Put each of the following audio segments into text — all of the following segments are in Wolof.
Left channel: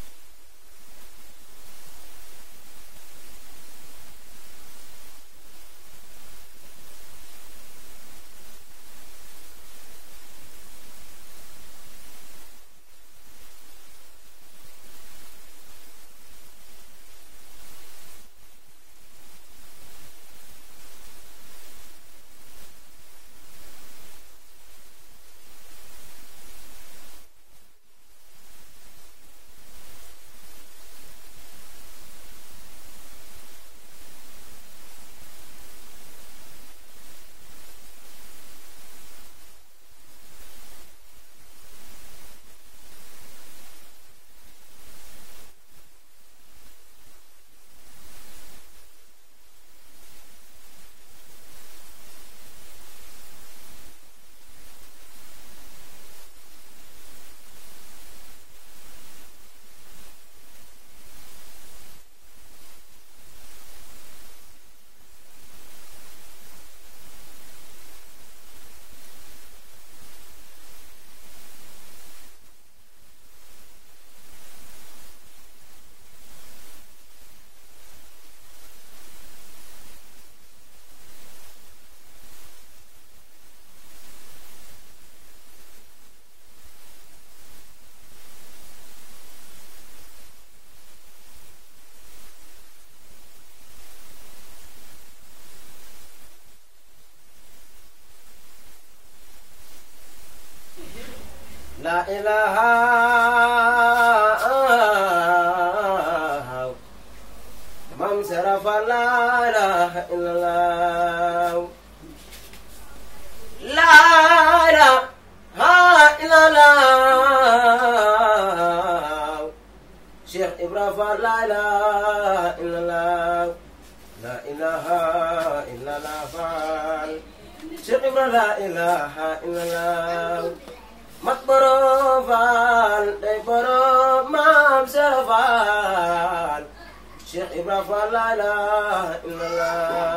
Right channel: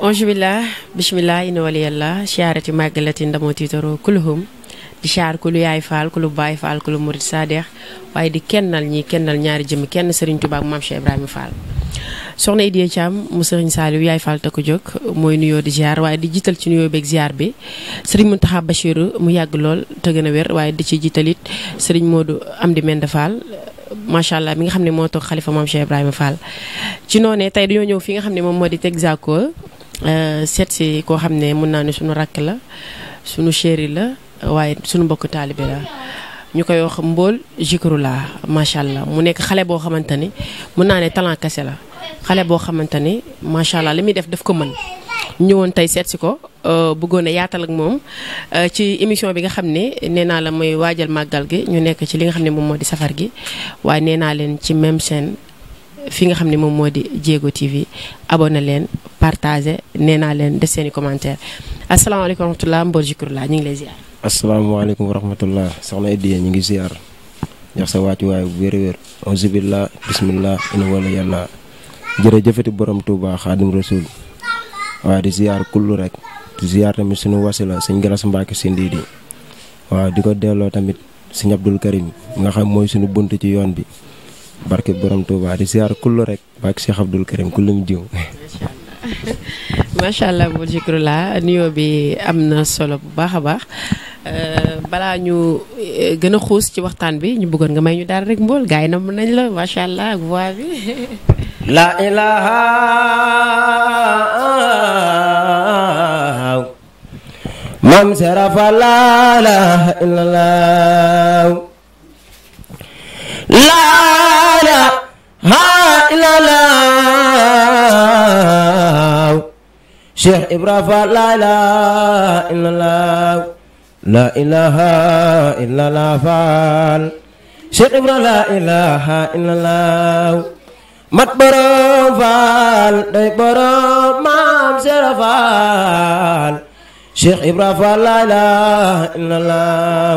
Onjubillah bismillah ina waliyallah siyaarati màggalati ndamoo tiitaro kuluhum di siyaar kulu yaay faal kulu baay faal kulu murid sadeex waaye di kennal ñaari jëmm kenn Serigne Touba ak Mame Cheikh Ibrahima Fall soxna Idiya Thiam mu Serigne Saliou yaay Fall te ko jóg mooy nuyoo di ziar waaye di jiital ci nuyoo beeg ziar bi Serigne Mountakha Bachirou mu yàgg lool te gën a wér waaye di ci jiitalit Serigne Modou Amdi Mende Fall macha allah mi nga xam ne moo toog xalifa Mame Cheikh Ibrahima Fall ci noonee tey dañoo ñëw fi nga xam ne moom moo di Texaco seet si koo xam ne mun naa ne suñu rakk la suñu chéri la waaye suñu mbokk taalibe la ñu koy wax Mbol Zikroulah macha allah mu nekk xale boo xamante ni mun naa ne talent kese la xale boo xamante ni macha allah li muy def ko mën ñëwoon tey seet si ko bëggoon a yaatal ak moom ci émission bi nga xam ne nee naa la mooy waajal màggal gi ñu nekk ci li nga xam ne moom moo di safar gi waaye nee naa leen ci même chaîne fi nga xam ne moom moo di Diego TV abonné leen partagé nee naa leen def seeni commentaire asalaamaaleykum wa rahmatulah Mbol Zikroulah ñu ngi lay ziar. asalaamaaleykum wa rahmatulah soxna Idiya ñu ngi ziar jox sa wàccuwaay bu wér-wér auzubillah bismillah ina wala yàlla jërëjëfati borom Touba Xaadim Rasul waaw di ziar kullu rek di ziar tamit suñu wasila sëñ Galas Mbacke Sindidi waaw di ko delloo tamit sëñ Abdul Karim nga xam mooy suñu bunt ci yoon bi barke borom Touba di ziar kullu rek barke Cheikh Abdul Karim kullu mu jiw. macha allah Mbol Zikroulah nuyoo bi am na solo bu baax a baax balaa ñu gën a xuus ci waxtaan bi ñu bëggoon nga may ñu daal rek Mbol gars yi nam nañ la macha allah ak voix bi. la ilaha mam serafa la ilaha illallah la ilaha illallah Cheikh Ibrahima la ilaha illallah la ilaha illallah Fall Cheikh Ibrahima la ilaha illallah mat borom Fall day borom Maam Sera Fall Cheikh Ibrahima la ilaha illallah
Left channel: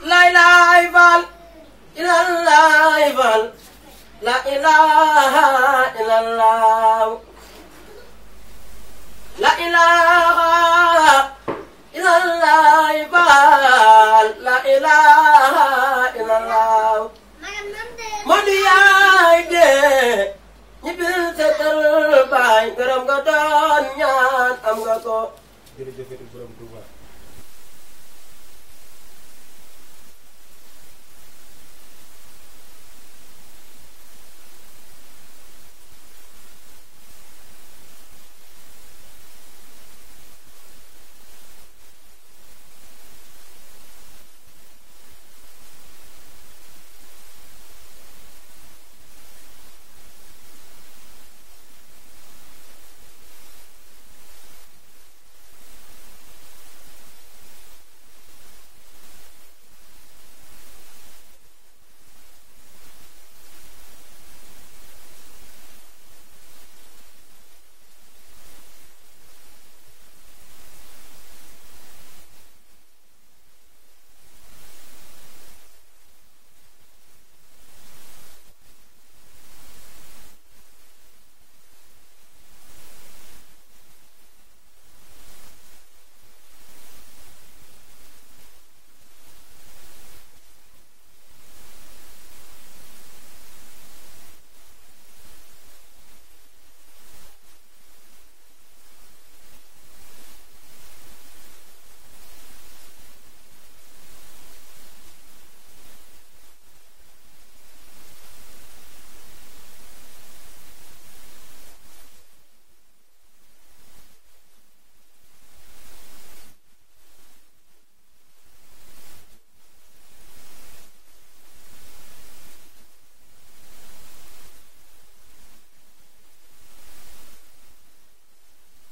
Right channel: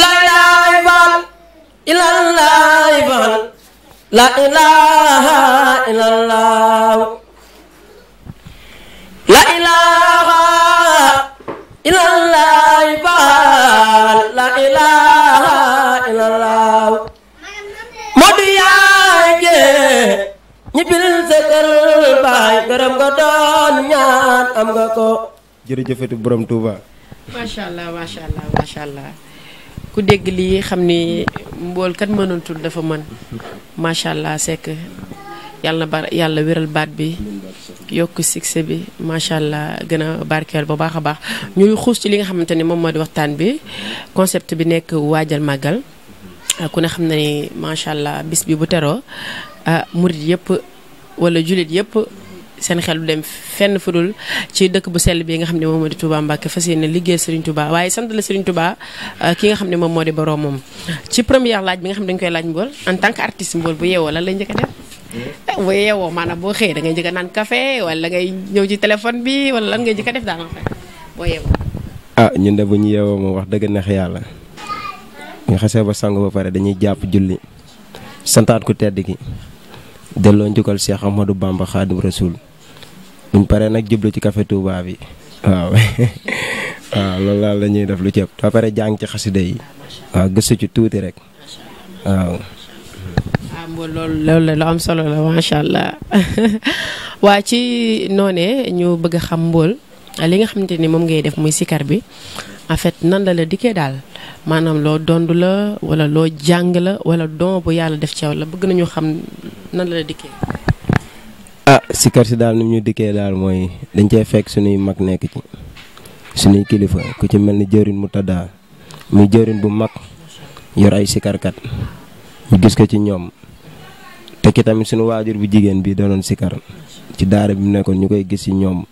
la ilaha illallah la ilaha illallah la ilaha illallah la ilaha illallah modu yaay ñi bilil sekal baay gërëm nga doon ñaan am nga ko jërëjëfati borom Touba macha allah macha allah macha allah ku dégg lii xam ni Mbol kat mënoon tudd dafa mën macha allah sekk yàlla wéral baat bi yokk succès bi macha allah gën a barkeel bu baax a baax ñuy xuus ci li nga xamante ni moom moo di waxtaan bi concept bi nekk waajal màggal ku ne xam na ni macha allah bis bi bu teroo murit yëpp wala jullit yëpp seen xel du dem fenn fudul ci dëkk bu sell bi nga xam ne moom moo di Touba Mbacké fas yéene liggéey Serigne Touba waaye sant la Serigne Touba ki nga xam ne moom moo di borom moom ci première laaj bi nga xam ne dañu koy laaj Mbol en tant que artiste Mbol bu yeewoo lan lay njëkk a def bu yeewoo maanaam boo xëyee da ngay njëkk a naan café wala ngay ñëw ci téléphone bi wala lan ngay njëkk a def daal en fait boo yeewoo. ñun de bu ñu yeewoo moom wax dëgg neex yàlla nga xasee ba sangu ba pare dañuy jàpp julli santaat ku tedd ki delloo njukkal Cheikh Ahmadou Bamba Khadim Rasoul buñ paree nag jublu ci café Touba bi waaw waaw loolu daal la ñuy def lu ceeb ba pare jàng ci xasida yi waaw gëstu ci tuuti rek waaw. Mbol loolu lu am solo la macha allah waa ci noonee ñu bëgg a xam Mbol li nga xamante ni moom ngay def muy sikar bi en fait nan la dikkee daal maanaam loo dond la wala loo jàng la wala don bu yàlla def ci yow la bëgg nañu xam nan la dikkee. sikar si daal ni ñu dikkee daal mooy dañ cee fekk suñuy mag nekk ci suñuy kilifa ku ci mel ni jëwrin mu taddaa muy jëwrin bu mag yor ay sikarkat ñu gis ko ci ñoom te ki tamit suñu waajur bu jigéen bi doonoon sikar ci daara bi mu nekkoon ñu koy gis ci ñoom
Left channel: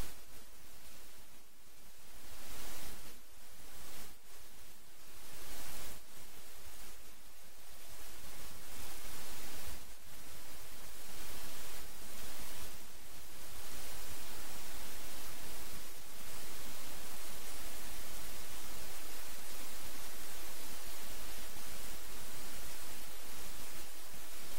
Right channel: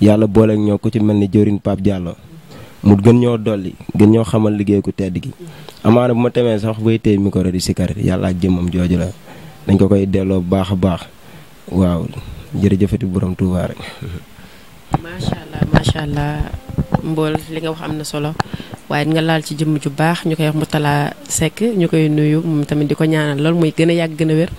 yàlla booleeg ñoo ku ci mel ni jëwrin Pape Diallo mu gën ñoo dolli gën ñoo xamal liggéey ku tedd gi amaana bu ma temee sax bay téye micro di sikar yàlla ak jëmmam jooju la dañ ko koy delloo bu baax a baax waaw jërëjëfati borom Touba rek. macha allah mbool li nga wax am na solo waaye nga laal ci jëmm ju baax ñu koy wax Mourtalla Seck ñu koy nuyu moom tamit di ko ñaanal loolu muy gën a yàgg gën a wér.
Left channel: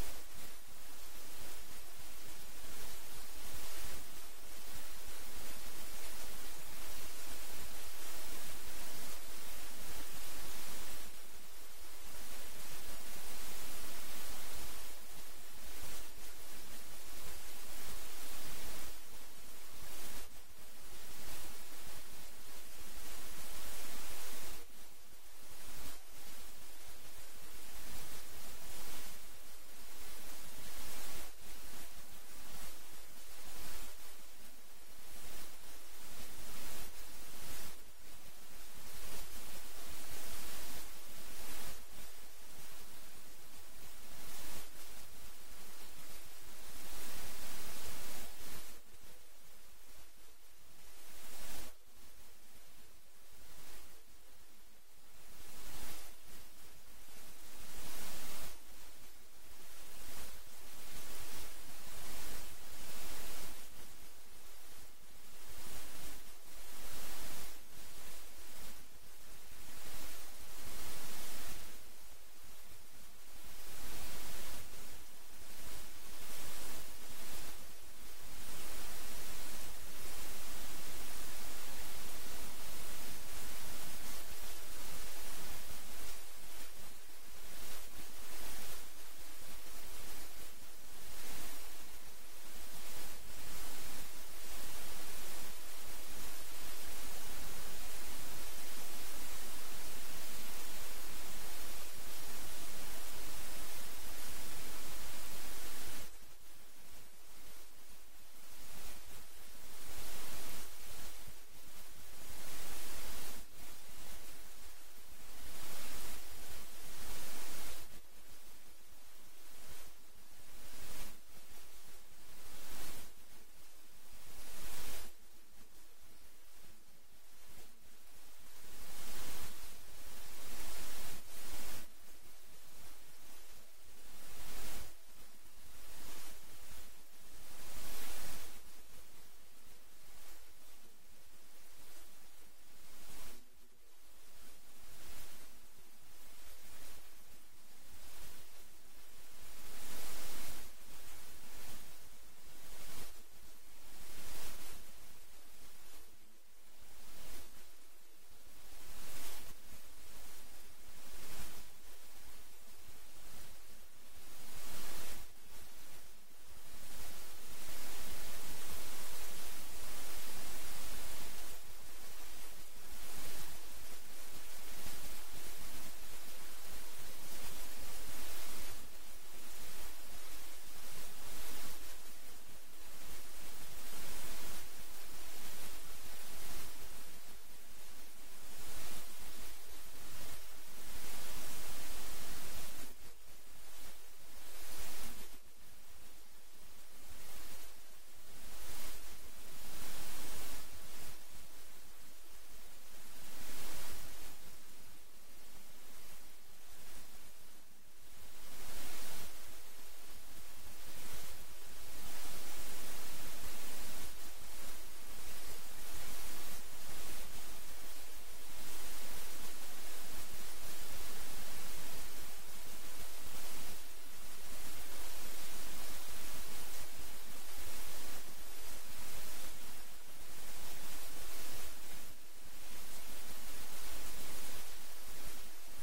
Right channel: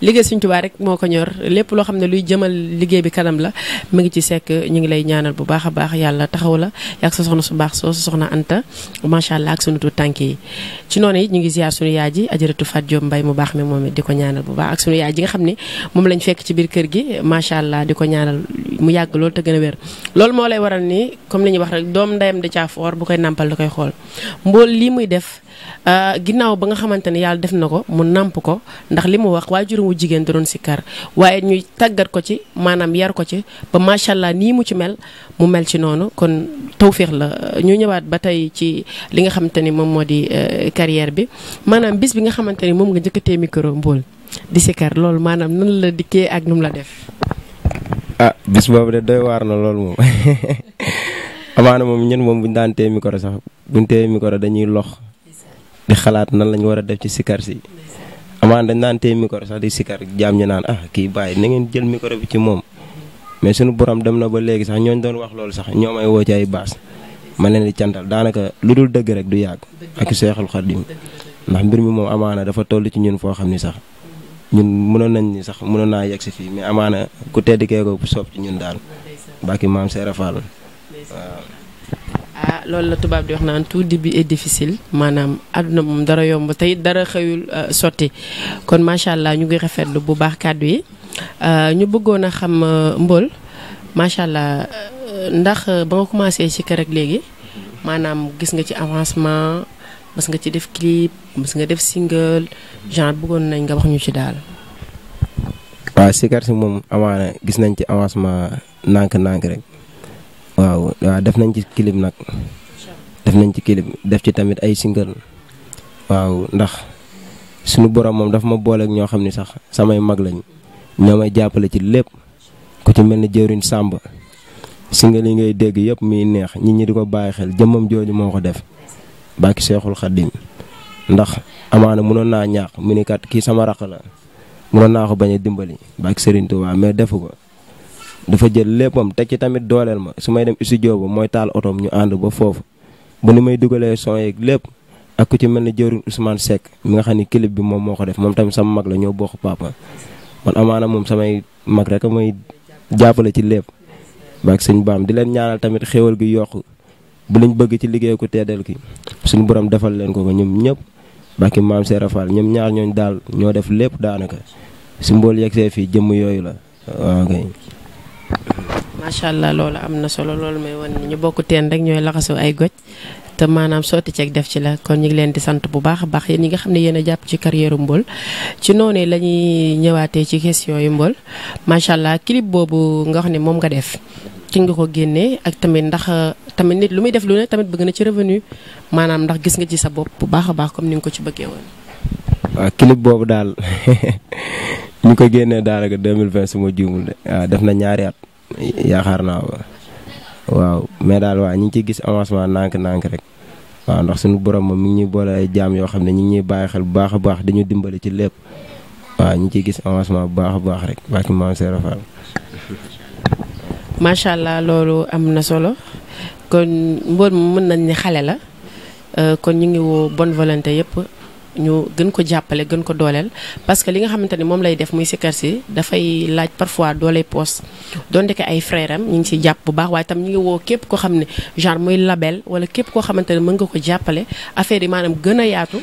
liggéey Sëriñ Tuubaa rek moo ko ñor lépp loo xam ne luy jëmal liggéey bi kanam la mu ngi ci Seck ñu ngi lay ñaanal bu baax a baax yàlla taxaw la yàgg sa soxna su baax soo sa soxna Anta macha allah ak sunu tuut tànk yi. ci noonu it ñu ngi ziar sunu yaay ji ajaratu Fat Diop Mbay mu baax mi moom it di ko ñaanal bu baax ak sunu yaay ji nga xam ne moom lañ fekk ci biir kër gi macha allah di ko ñaanal mu yàgg loolu te gën a wér. loolu moo lay waral ni comme li ñuy wax rek doom ndeyam da caa foor bu koy nàmpal da koy xool mbool lii muy def ginnaaw ba nga xamante ne yàlla def na ko mu nàmp ko ndax li mu wax waajuram wu jigéen da doon sikkar waaye ñuy tàggat ko ci maanaam yar ko ci ba macha allah nii mu ci mel mu mel ci noonu kon tawféex la ñu ñëwaat ba tey ci li nga xamante ni moom moo di carrière bi maanaam bis bi nga xamante ni moom nga njëkkatee micro mbool di sikkar loolu maanaam nan la dikkee ak nu mu la def. bis boobu de doy waar na loolu moom amaana moom ñun moom buñu daan téye micro sax buñu téye micro dañuy lox di xalaat nan lañu war a def ci sikar si amaana dañ daan téye micro sax di sikar jaam ñu naan kii bàyyi na ngeen jël micro bi ci moom mais suñu borom dem na ba léegi sax ñooñu doon wax loolu sax ñoo may woo ci ay baas ma leen di cantal daanaka lu dul dëgg rek du yàgg ak Seexul Xadiim ndax mbir mi moom amaana dafa toll ci ñun foo xam ni sax ñun mënoon nañ ni sax mënoon naa yegg si fii mais amaana ku tedd kee ko soob ci ñun daal bàkki maam Seera Fall waaw. loolu la tubaab di wax naan tout début est difficile maanaam àdduna moom dara yomb tey dara xëyul sotti kon macha allah ñu ngi rafetlu bu baax kàddu yi ñu bëggoon a xam Mbool macha allah ndax ba nga commencé ci kër ak léegi maanaam gis nga ci avancement mas nga ci def clip mas nga def single genre bëggoon nañ nga wax ñu ci daal. waaw sikar si moom amaana gis nañ ci avancement nànk-nànk rek. waaw def nañ ci clip nag def ci tamit ay single waaw ndax suñu borom moom dafa ma booleeg ñoo xam ni sax samay mag lañ ñoo may jàppale ci lépp ku ci mel ni jëwriñ Sàmb single yi ngay dégg yëpp muy neex nit ñi di ko bàyyi xel jëmmam jooju moo ko def bàkki Seexul Xadiim ndax amaana mënoon naa ñaax mu ni kat kii sama raq la mënoon naa ko bañ a dimbali bàkki Serigne Touba mais defu ko dafa jël léppam teg ci tamit dooleel ma su may dem studio ba mooy taal otoom ñu ànd ba foofu bu ni may dugalee son yeeg lépp ak ku ci mel ni jëwriñ Ousmane Seck mi nga xam ni clip bi moom moo ko def moom tamit sama mag la ñoo bokk papa man amaana moom samay mag rek may jàppale ci lépp baak sëñ baam di leen ñaanal tamit xéwal gi yokku bu liñ bëgg ci liggéey ku teedal ki suñu borom defal leen ko ñoom ñëpp bàkki maam Seera Fall ñoom ñaar ñooñ daal ñoo def lépp daanaka si mbool yegsee fii jëmm yooyu la waaw kay. macha allah loolu am na solo loolu may wan ñu bokk teen rek ñooy laxasoo ay goj te maanaam sotti ceeg def ci la kon ñu ngi leen di sant bu baax a baax yéen ñi nga xam ne yéen a jàpp ci carrière Mbool ci noonu la ñuy ñëwaatee ci question yu Mbool macha allah clip boobu nga xam ne moom nga def ci nga ko génnee ak tamit ndax tamit nit lu muy def lu ne tamit bëgg na ci revenu maanaam ndax gis nga ci sa bopp bu baax a baax comme ni nga ko ci bëggee woon. waaw clip boobu daal ñu ko génnee daanaka 2020 su ma juumul de waaw def na ñaari at yaakaar naa waaw mais daal waaw ñu ngi ciy gis avancement nànk-nànk rek waaw ndax suñu borom moom mi ngi ñuy boole ay jaam yoo xam ne ñu ngi ñuy bàyyi xel bu baax a baax dañu dimbali ci lépp waaw ñu ngi ciy gis avancement bu baax a baax rek bàkki maam Seera Fall. macha allah loolu am na solo kon Mbool mën nañ ni xale la kon ñu ngi woo bonne volonté yëpp ñu gën ko jàppale gën ko dooleel parce que li nga xamante ni moom lay def muy sikar si dafay laaj parfois dooley poos donte ko ay frère am ñu ngi ciy jàpp bu baax waaye tam ñu ngi woo képp koo xam ne genre muy label wala képp koo xamante ne mën nga ko jàppale affaire yi maanaam gën a yaatu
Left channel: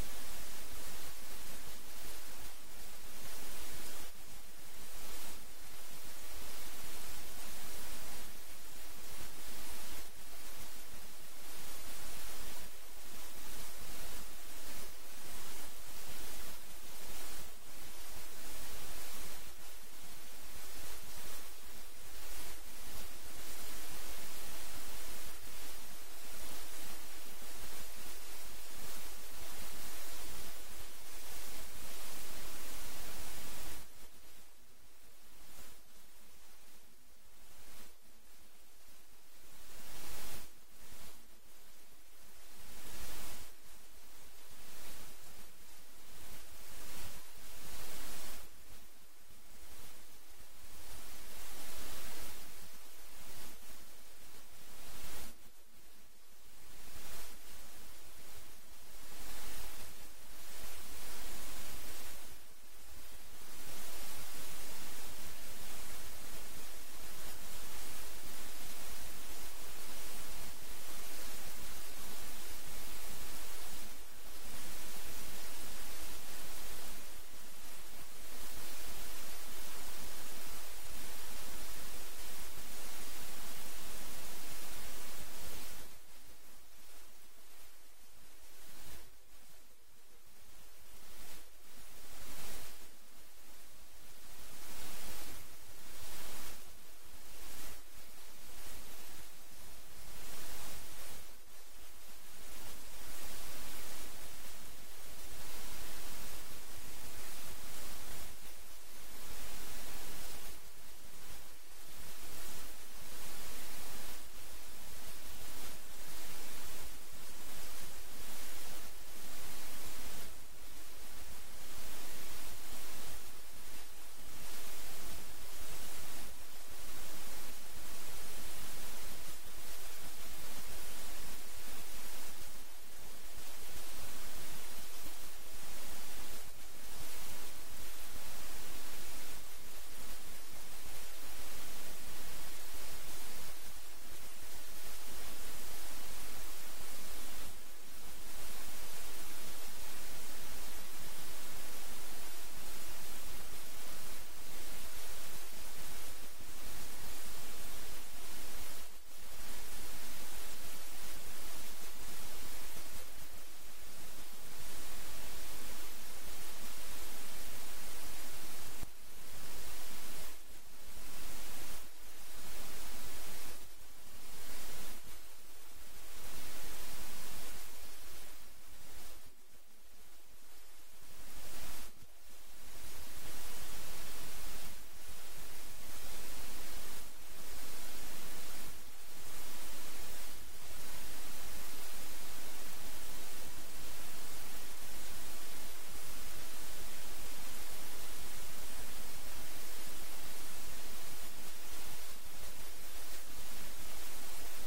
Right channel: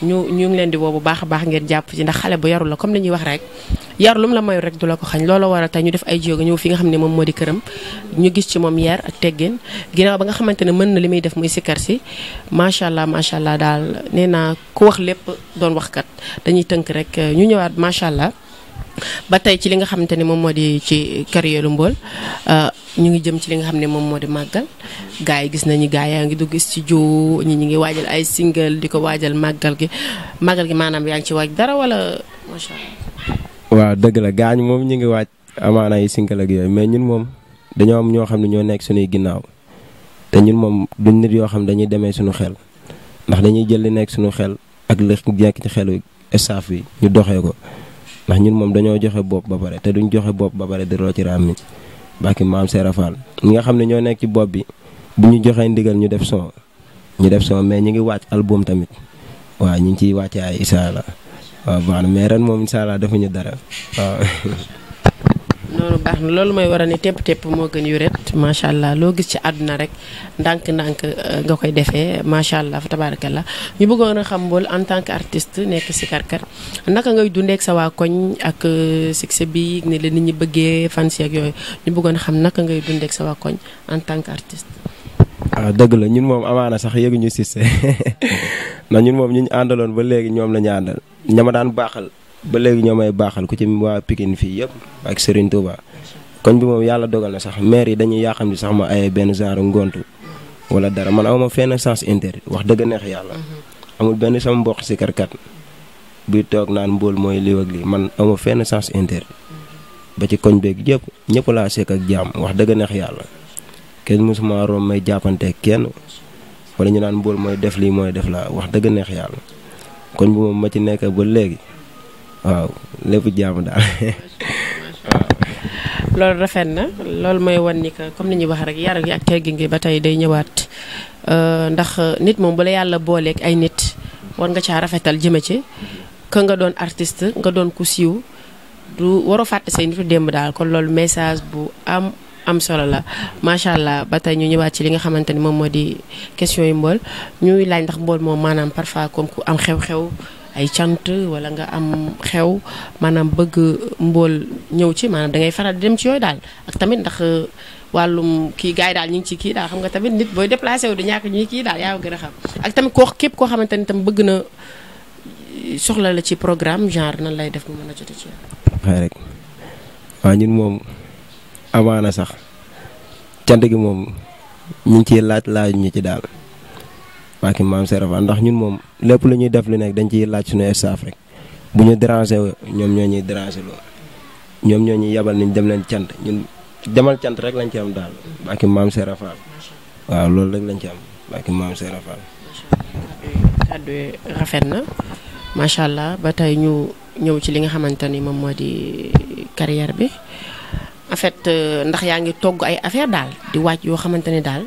ñu ngi leen di woo bu baax a baax ngeen jàpp ci ndax xale bu yaru la comme li ñuy wax rek yaru lu mu la mayu rek du la ko xañ loolu war a tey ñu def ay jéego ñëw fi nga xam ne moom moo di këram ñu gis ci moom yar ak teggin ginnaaw ba nga xamante ne mën na li muy def muy sikkar si macha allah daal nee naa ku wax lépp doon waxkat dañuy tënk rek ñu ñëwaat macha allah ba tey ci li nga xamante ne moom moo di ci carrière Mbool ñu ngi jëm ci li nga xam ne moom moo di màggal gars yi gis nañu gars yaa ngi dugg studio ñi ñu ngi waajal ay single di ko waajal màggal gi maanaam yaa ngi ci waaj dara wala macha allah. waaw dëgg la gaañ moom ñu ngi waaj amaana ay single ak yooyu mais ñun moom dañoo am ñoo xam ne ñoo nekk suñuy ginnaaw te ñun moom duñ nit yoo xam dañuy demee suñu xel ndax dañuy jël li nekk suñu xel ak li nekk ci xelu staff bi ñu doxee ko ndax ñun moom dañoo joxe bopp ba pare te duñ joxe bopp ba pare di roo ci raam mi bàkki maam Serap Fall ñi nga xam ne ñoo nekk ci bopp bi bu ñu joxee ndigal ñu def son mais ñu ngi wàcc album tamit waaw ñu ngi ciy wàcce ay incha allah waaw baax na mais ren moom incha allah defuñu dara waaw. noonu baax na loolu mooy war a ne tepp moo gën yu ret macha allah loo gis ci àdduna rek ndànk-ndànk nga koy defee macha allah fa tabarakallah ñu bëggoon a xam Mbool en tant que artiste nekk sikarkat naka ngay dundee ak sa waa koñ ak succès bi ne la nit ñi bëggee fans ak yooyu ñu bëggoon a xam naka ngay dundee ak sa waa koñ en tant que artiste. waaw dëgg la ñun moom amaana sax yëguñu succès ndax ñun moom ñu àndaloon ba léegi ñoom la ñu àndal ñama daan baaxal. ba léegi ñoo may baaxal ku ci waa Pikine fii yëpp ak Serigne Touba koñ bi moom yàlla dogal na sax maire yi dañuy yàqam di sax ma ay benn genre ngontu wala dara man awma fenn sens interdit wax dëgg neex yàlla amul benn sama mbokk si karkat buy toog naan Mbool mooy lii ak lii man awma fenn sens interdit ba ci koñ beeg yëpp ñëpp laa sekk ak jaam wax dëgg neex yàlla kenn mosuma rom may jàppanteeg kenn wala ñu naan Mbool mooy def lii mooy def laa wax dëgg neex yàlla koñ bi moom ma ci nekk ba léegi waaw lépp jàmm daal waaw. loolu rafet na loolu mooy wan ni que comme ni ñuy wax rek yar gi ak teggin gi ba tey day ñëwaat ndax nit moom bu la yàlla booleeg ay nit war nga caa rafetal jëme ci que nga doon artiste nga doon ku siiw du waroo fàtte say nitu démb daal kon loolu message bu am solo la macha allah ba tey ñu ñëwaat ci li nga xamante ni moom moo di question yu Mbool ñuy laaj ndax Mbool moom maanaam parfois comme ku am xew-xew. ay cant wala nga am xew maanaam bëgg Mbool ñëw ci maanaam da ngay faral di dem ci yooyu daal ak tamit ndax wàllum kii gars yi daal ñu ngi ci kii daal xam nga tamit nit booy déplacé wu du ñàkk ñuy kii daal yaa ngi gën a xam ak tamit képp koo xamante ni tam bëgg na soxla la ci programme genre nan lay def mu mën a jote ci xëy rek waaw ñun moom amaana sax cant gi moom ñu ngi ciy laaj ñu ci daal bàkki maam Serap Fall ndax ñun moom lépp lu ñuy def lu nekk dañ ciy laaj suñu staff rek bu ñu déranger ñoom ñoo ñuy déranger loolu ñoom ñoo ñuy yabal niñ dem leen cant ñun demal cant rek lañ ci am daal bàkki maam Serap Fall waaw loolu rek lañ ci am bàkki maam Serap Fall. kàddu rafet na macha allah ba tey ñu ñëw ci li nga xamante ni moom moo di carrière bi en fait ndax yaa ngi togg ay affaire daal di wàcc yoo xamante ne daal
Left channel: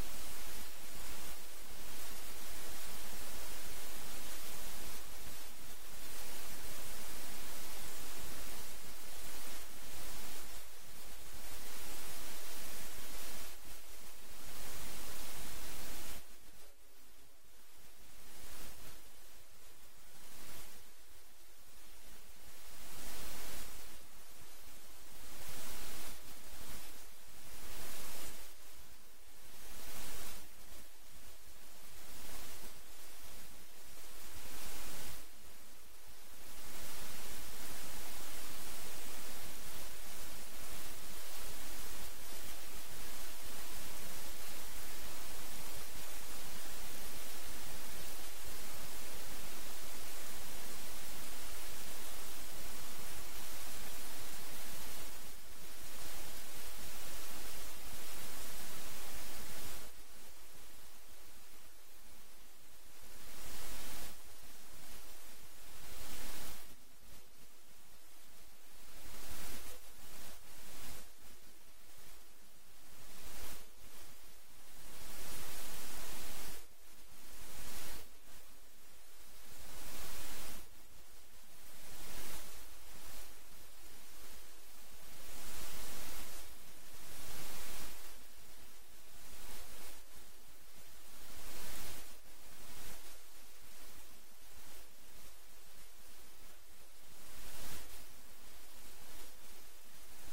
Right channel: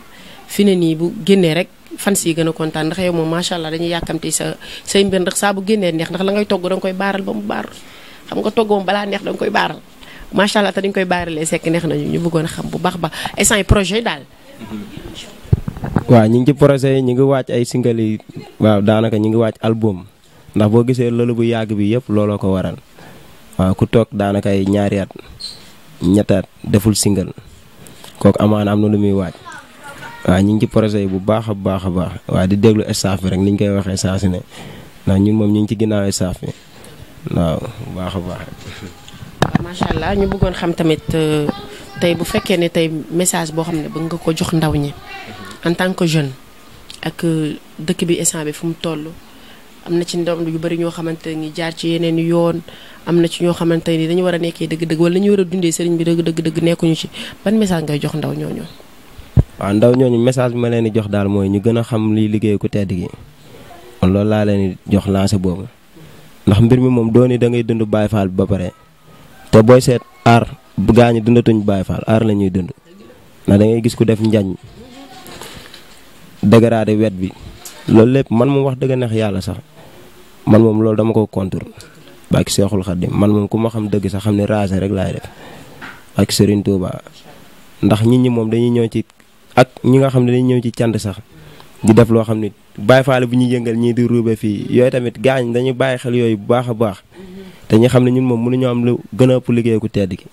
fi ne nii bu génnee rek. fans yi gën a kontaan ndax yow moom macha allah dañuy yàkkamti say mbir ndax saa bu génnee neex ndax la ngay togg da nga koy baaral ba mu baar xam nga togg moom balaa neex da nga koy baaral macha allah te dañ koy baaralee sekk neex nañu ñu bëggoon a xam bu baax ba instant yi projet yi daal. waaw ñu ngi ci projet yi ñu ngi wàcc ay single yi waaw daanaka ñu ngi wàcc album ndax boo gisee loolu bu yàgg bi yëpp looloo ko waral waaw ku toog daanaka ay ñaari at ñetti at deful single kooku amaana am na lu muy wàcc. waaw ñu ngi ci projet yi bu baax a baax waaw di déglu staff bi rek ni ñu koy waxee saa su ne ndax ñun moom ñu ngi ci ginnaaw staff bi waaw bu baax a baax. waaw macha allah ñu bëggoon xam tamit tey bu fekkee ne tey message boo xam ne bëgg nga ko jox ndaw ñi en tant que jeune ak dëkk bi instant bi fu mu toll am na ci ndaw yu bari ñoo xamante ni jaar ci yeneen yoon am na ci ñoo xamante ni dañu war a nekkee dëgg-dëgg wala ñu war a dundee sëriñ bi dëgg nekkuñu ci ban message ngay jox ndaw ñooñu. waaw ndaw ñooñu message bi ma leen di jox daal mooy ñu gën a xam liy liggéey ku tedd gi kon loolu laa leen di jox lancé boobu ndax mbir mi moom dooni da ngay dund Baye Fall bi ba pare te booy seet aar bu gaañu dundatuñ Baye Fall aar la ñuy dund ndax da ngay gis ku def njañ dégradé wet bi loolu lépp man moom wax dëgg neex yàlla sax man moom loolu dama ko contour bàkki Seexul Xaddim man moom ku ma xam dëgg sax xam ne rasé rek laay def ak Serigne Touba ndax nit ñi moom dañuy ñëw ci ak ñi nga xam ne dañuy ñëw ci cant sax di def loo xam ne Baye Fall bu ñuy yëngal ñii di ruube fii yooyu tamit gaañ dañuy bàyyi xel yooyu bu baax a baax te ñu xam ne ñun moom mënuñu am lu gën a ëpp liggéey ku tedd gi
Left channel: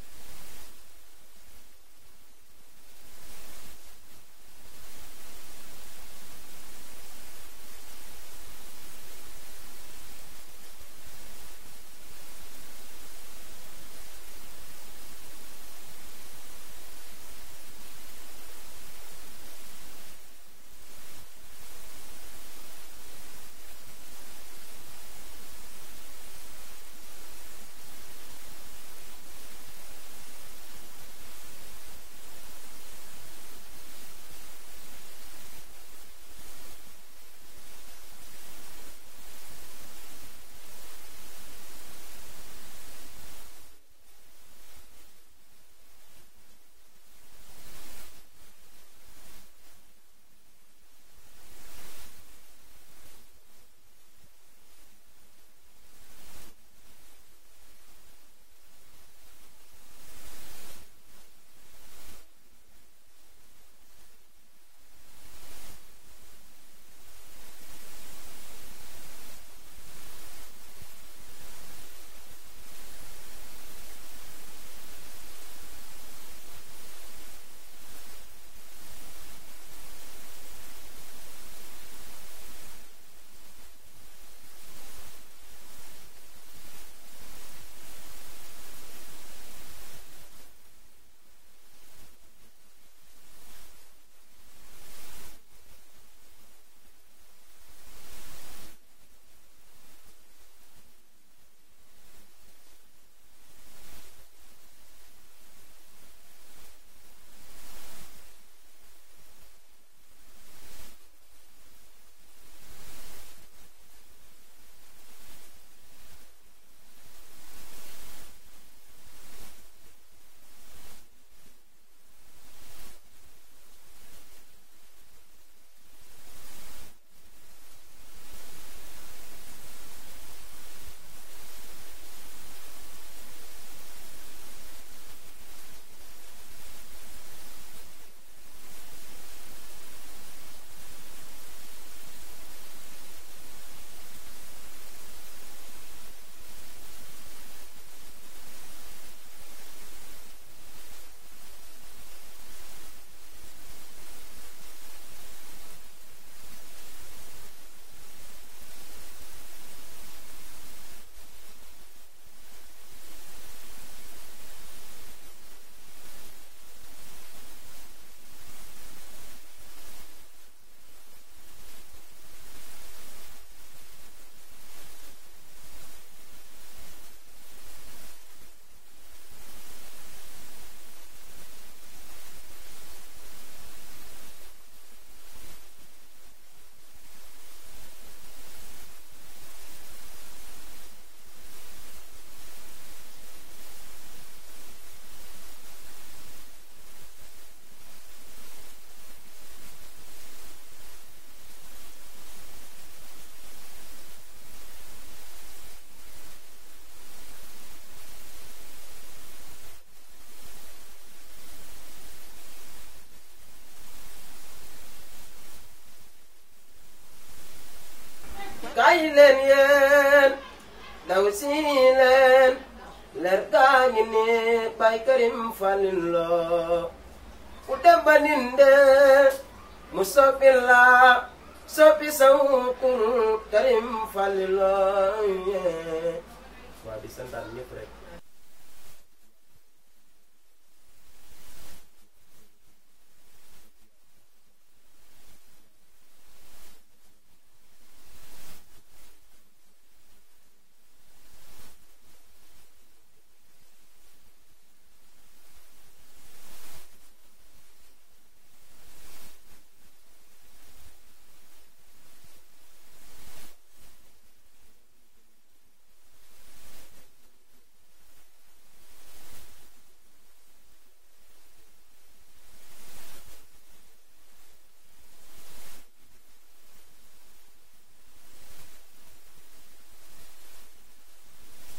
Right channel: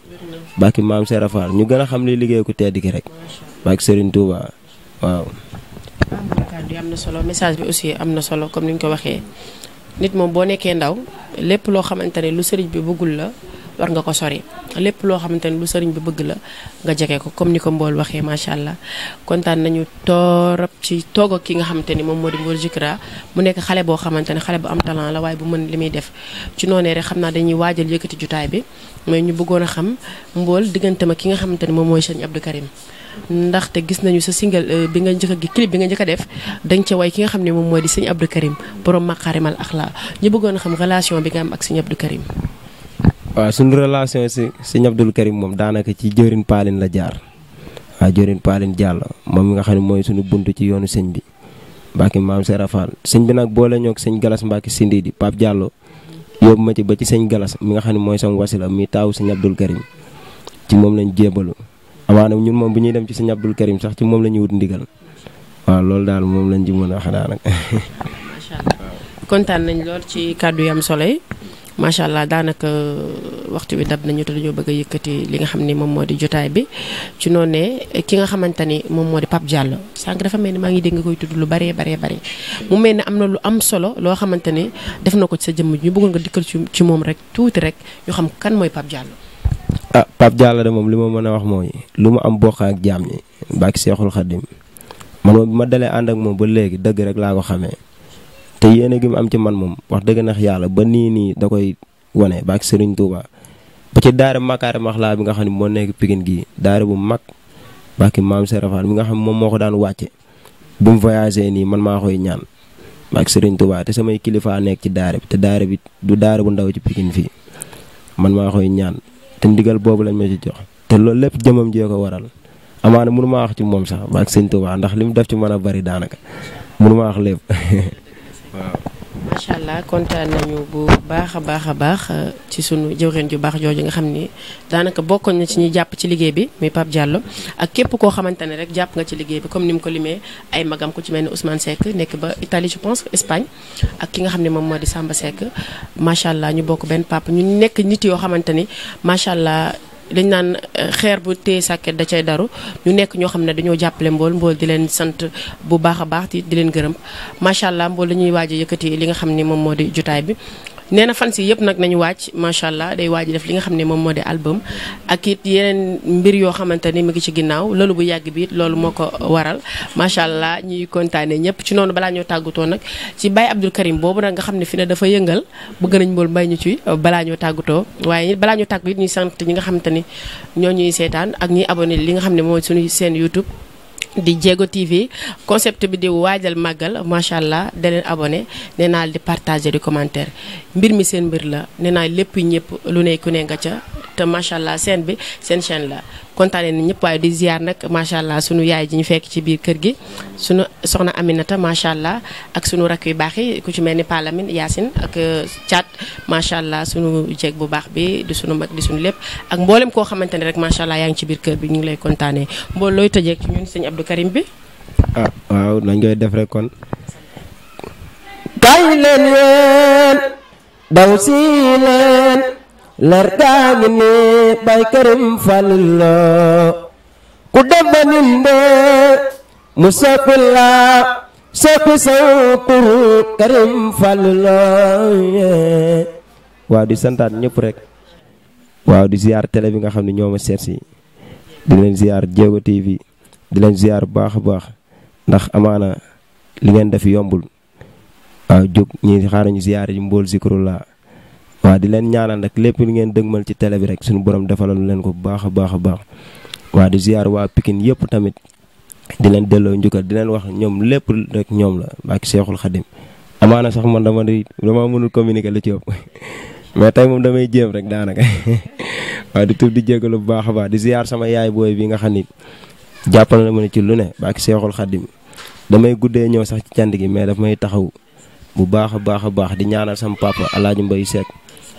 bàkki maam Serap Fall ñu gën a xam li liggéey ku tedd gi rek bàkki Serigne Touba waaw. kàddu yi am na solo message bi aussi am na solo comme ni ñu ko waxee nit moom boo nekkee ndaw lépp loo xamante ne lu sëriñ bi bëggul la war nga ko sori lépp loo xamante ne lu sëriñ bi bëgg la nga jege ko comme ni ko Mbool waxee macha allah kontaan nañu torop ci toog ak ki nga xamante ni moom moo di Mbool Zikra mu nekk xale boo xamante ne xale bu am talent la waaye bu mën li muy def ci noonee rek xam naa dañuy waajal yëkkati jotaay bi mais ñu bëggoon a xam Mbool diggante ma ki nga xamante ne moom mooy sëñ Abdou Karim ndaxte gis nañu sa single bi nga njëkk a gi clip bi nga njëkk a def dañ ca way ki nga xam ne moom mooy di sëñ Abdou Karim borom Makarimal Akhlaq ñu bëggoon a xam relation bi nga am ak sëñ Abdou Karim. waaw suñu relation si sëñ Abdou Karim moom daanaka ci jëwrin Paaline la jaar waaw jëwrin Paaline Diallo moom mi nga xam ne mooy suñu buntu ci yoonu sëñ bi Mbacke maam Serap Fall sëñ bi nag boole ñoo ak sëñ Galas Mbacke Sindi di Pape Diallo yóbbu ma ci ba ci sëñ Galas mi nga xam ne mooy sama wasila mi taawu sëñ Abdou Karim ci moom lañ jébalu amaana ñun moom bu ñuy dem ci sëñ Abdou Karim sax ci moom la ñuy wut ndigal waaw loolu daal moom lañ ci mën a wax daanaka. macha allah kontaan nañ lool ci kàddu yi am solo yi macha allah daanaka waxtu bi dab nañu te dañoo bëgg a yëkkati li nga xam ni moom moo di jotaay bi ci noonu ne ki nga xamante ni moom moo di Pape Diallo sànq dafa mel ni maa ngi dégg nga koy tudd lu baree mu mel ne am na lu am solo loo xamante ni def na ko ci sa jëmm ñu bëggoon nga dikkal ci moom rek tuuti rek ñu xam kan mooy Pape Diallo. Pape Diallo de moom li ma mën a wax mooy lu mu am bokk ak jaam ñi bàkki Seexul Xaddim man moom bi ma dalee ànd ak moom ba léegi dëgg rek laa ko xamee te yéene gi mu am ci man moom wax dëgg nax yàlla ba nii da koy wane bàkki Serigne Touba ba ci daara Makaare Maxlaa bi nga xam ne moo nekk Pikine gii daara bu mag bàkki maam Serap Fall mi nga xam ne moom moo ko daan wàcce bu mu voyagé nii man maa koy ñaan bàkki Serigne Touba te samay kilifa nekk ci daara bi te daara bi du daara bu ndaw ci Pikine fii man maa koy ñaan te ndigal boobu lañ ma ci jox te loolu lépp jëmam jee ko waral amaana mënu maa wax ci moom sax bàkki Serigne Touba ndax li mu def ci mën a bari daanaka mënu maa wax lépp waaw. macha allah kontaan nañu bu baax a baax ci sunu jëwriñ ju baax jooju nga xam ni daanaka bokkoon na ci ñi jàpp ci liggéey bi muy Pape Diallo ak képp koo xamante ne rek jàpp nga ci liggéey bi comme ni mu ko limee ay magam ku ci mel ni Ousmane Seck nekk ba Italie je pense Espagne ak ki nga xam ne moom moo di Samba Seck macha allah ñu bokk benn papa ñu nekk nit yoo xamante ni macha allah. dañ naan xeer bu téye sàkket da cay daru ñu nekk ñoo xam ne dañoo jàppale mbool di leen sant bu baax a baax di leen gërëm macha allah mbool dañuy waaj a yëkkati li nga xam ne moom moo di jotaay bi nee na fan si yëpp nag nañu wàcc macha allah day waaj def li nga xam ne moom moo di album ak it yeneen mbir yoo xamante ni mu ngi ci ginnaaw loolu bu yàgg bi it loolu moo ko waral macha allah ñuy kontaane ñëpp ci noonu balaa ñoo tàggatoo nag ci Baye Abdou Karim boobu nag nga xam ne fi ne dafa yëngal bëgg nañ mbool mbay ñu ci balaa ñoo tàggatoo waaye balaa ñoo tàggu it ñuy sant ñi nga xamante ni ñoo ñuy seetaan ak ñuy abonné li nga xam ne mooy suñu seen YouTube di Diego TV concept bi di waajal màggal macha allah da leen abonné nee naa di partager di commentaire mbir mi seen mbir la nee naa lépp ñëpp lu ne ku ne nga ca te macha allah seen bi seen chaîne la kontaanee na ñëpp waaye di ziar nag macha allah sunu yaay ji ñu fekk ci biir kër gi sunu soxna Aminata macha allah ak sunu rakk yu baax yi ku ci mel ni Palamine Yacine ak Thiat macha allah sunu jeeg bu baax bi di sunu mag di sunu lépp ak mboolem koo xamante ne rek macha allah yaa ngi ci biir kër bi ñu ngi lay kontaanee mbool looy tëjee ci ñun sëñ Abdou Karim bi. waaw nañ koy def rek kon. kaay leen ween daw si leen. leer gaa ngi ni Baye Karim Fall la ku dem ba ninde mu soppi la soppi saw tur Karim Fall la waaw di santaat ñëpp rek waaw di ziar télé bi nga xam ne ñoo ma seet si di leen ziar Diego TV di leen ziar bu baax a baax ndax amaana li ngeen def yombul waaw jóg ñi xaaral ñu ziar yi mbool Zikrullah waaw di leen ñaanal nag lépp li ngeen dëgmal ci télé bi rek suñu borom defaloon leen ko bu baax a baax a baax waaw di ziar waa Pikine yëpp tamit di leen delloo njukkal di leen wax ñoom lépp rek ñoom la ak Seexul Xadim amaana sax man dama mënul communiquer lu ci ëpp mais tey moom damay jéem rek daanaka waaw di tudd di jégalu bu baax a baax di ziar sama yaay booy bi nga xam ni jàppal na ma ne ci lu ne ak Seexul Xadim damay guddee ñëw sax ci cant gi mais daf may taxaw bu baax a baax di ñaanal sama papa Alaaji Mbay Seck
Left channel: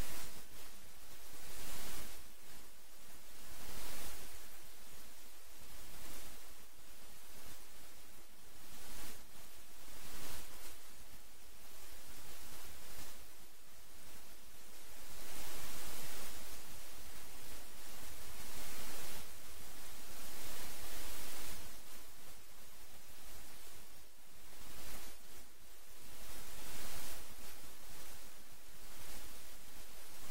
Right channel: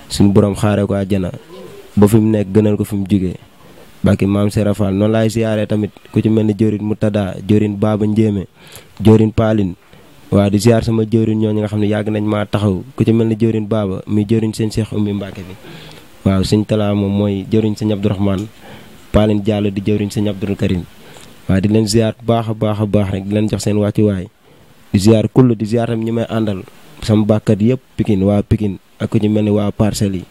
suñu borom xaaree ko àjjana ba fi mu nekk gënal ko fi mu jugee bàkki maam Serap Fall noonu laay siyaaree tamit ku ci mel ni jëwrin Moutada jëwrin Baba Njéeme jëwrin Paaline waaw di siyaar sama jëwrin ñooñu nga xam ne yàgg nañ maa taxaw ku ci mel ni jëwrin Baba muy jëwrin seen Cheikh Oumy Mbacke bi waaw sëñ Talla moom mooy jëwriñ sëñ Abdourahmane Paaline Diallo di jëwriñ sëñ Abdoul Karim waaw di leen siyaar bu baax a baax rek di leen jox seen wàccuwaay di ziar kull di ziar tam ñi may àndal sama bàkkat yëpp Pikine waa Pikine ak ku ñu mel ni waa Parcelles yi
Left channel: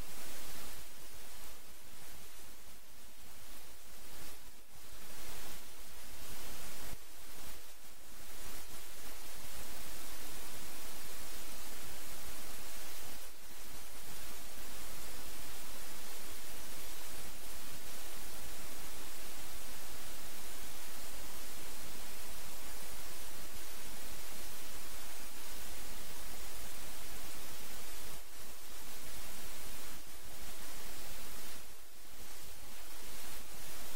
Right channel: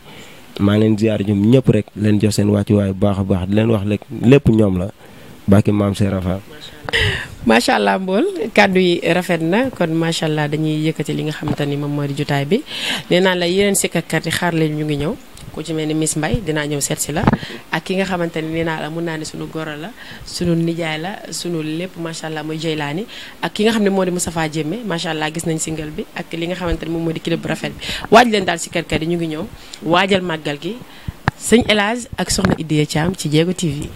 maa ngi leen ziar ñoom ñëpp rek leen jox seen wàccuwaay bu baax a baax di leen wax lépp ñoom la bàkki maam Serap Fall. macha allah mbool kàddu yi rafet na kon macha allah dañuy yëkkati li nga xamante ni moom moo di jotaay bi nee naa la yeneen sikkarkat yi xaar leen ñu ngi ñëw. ku ci mel ni Miss Mbaye dinaa ñëw seet si la ak ki nga xamante ni nee naa la mun naa ne suñu goro la suñu nijaay la suñu lépp macha allah muy Jeylaani ak ki nga xam ne moo di Moustapha Jémé macha allah gis nañ single bi ak li nga xamante ni moom moo di clip bu rafet bi waaj leen daal si kër yi ñu ngi ñëw waajal màggal gi sëñ El Hadj ak soxna Idiya Thiam ci Diego TV.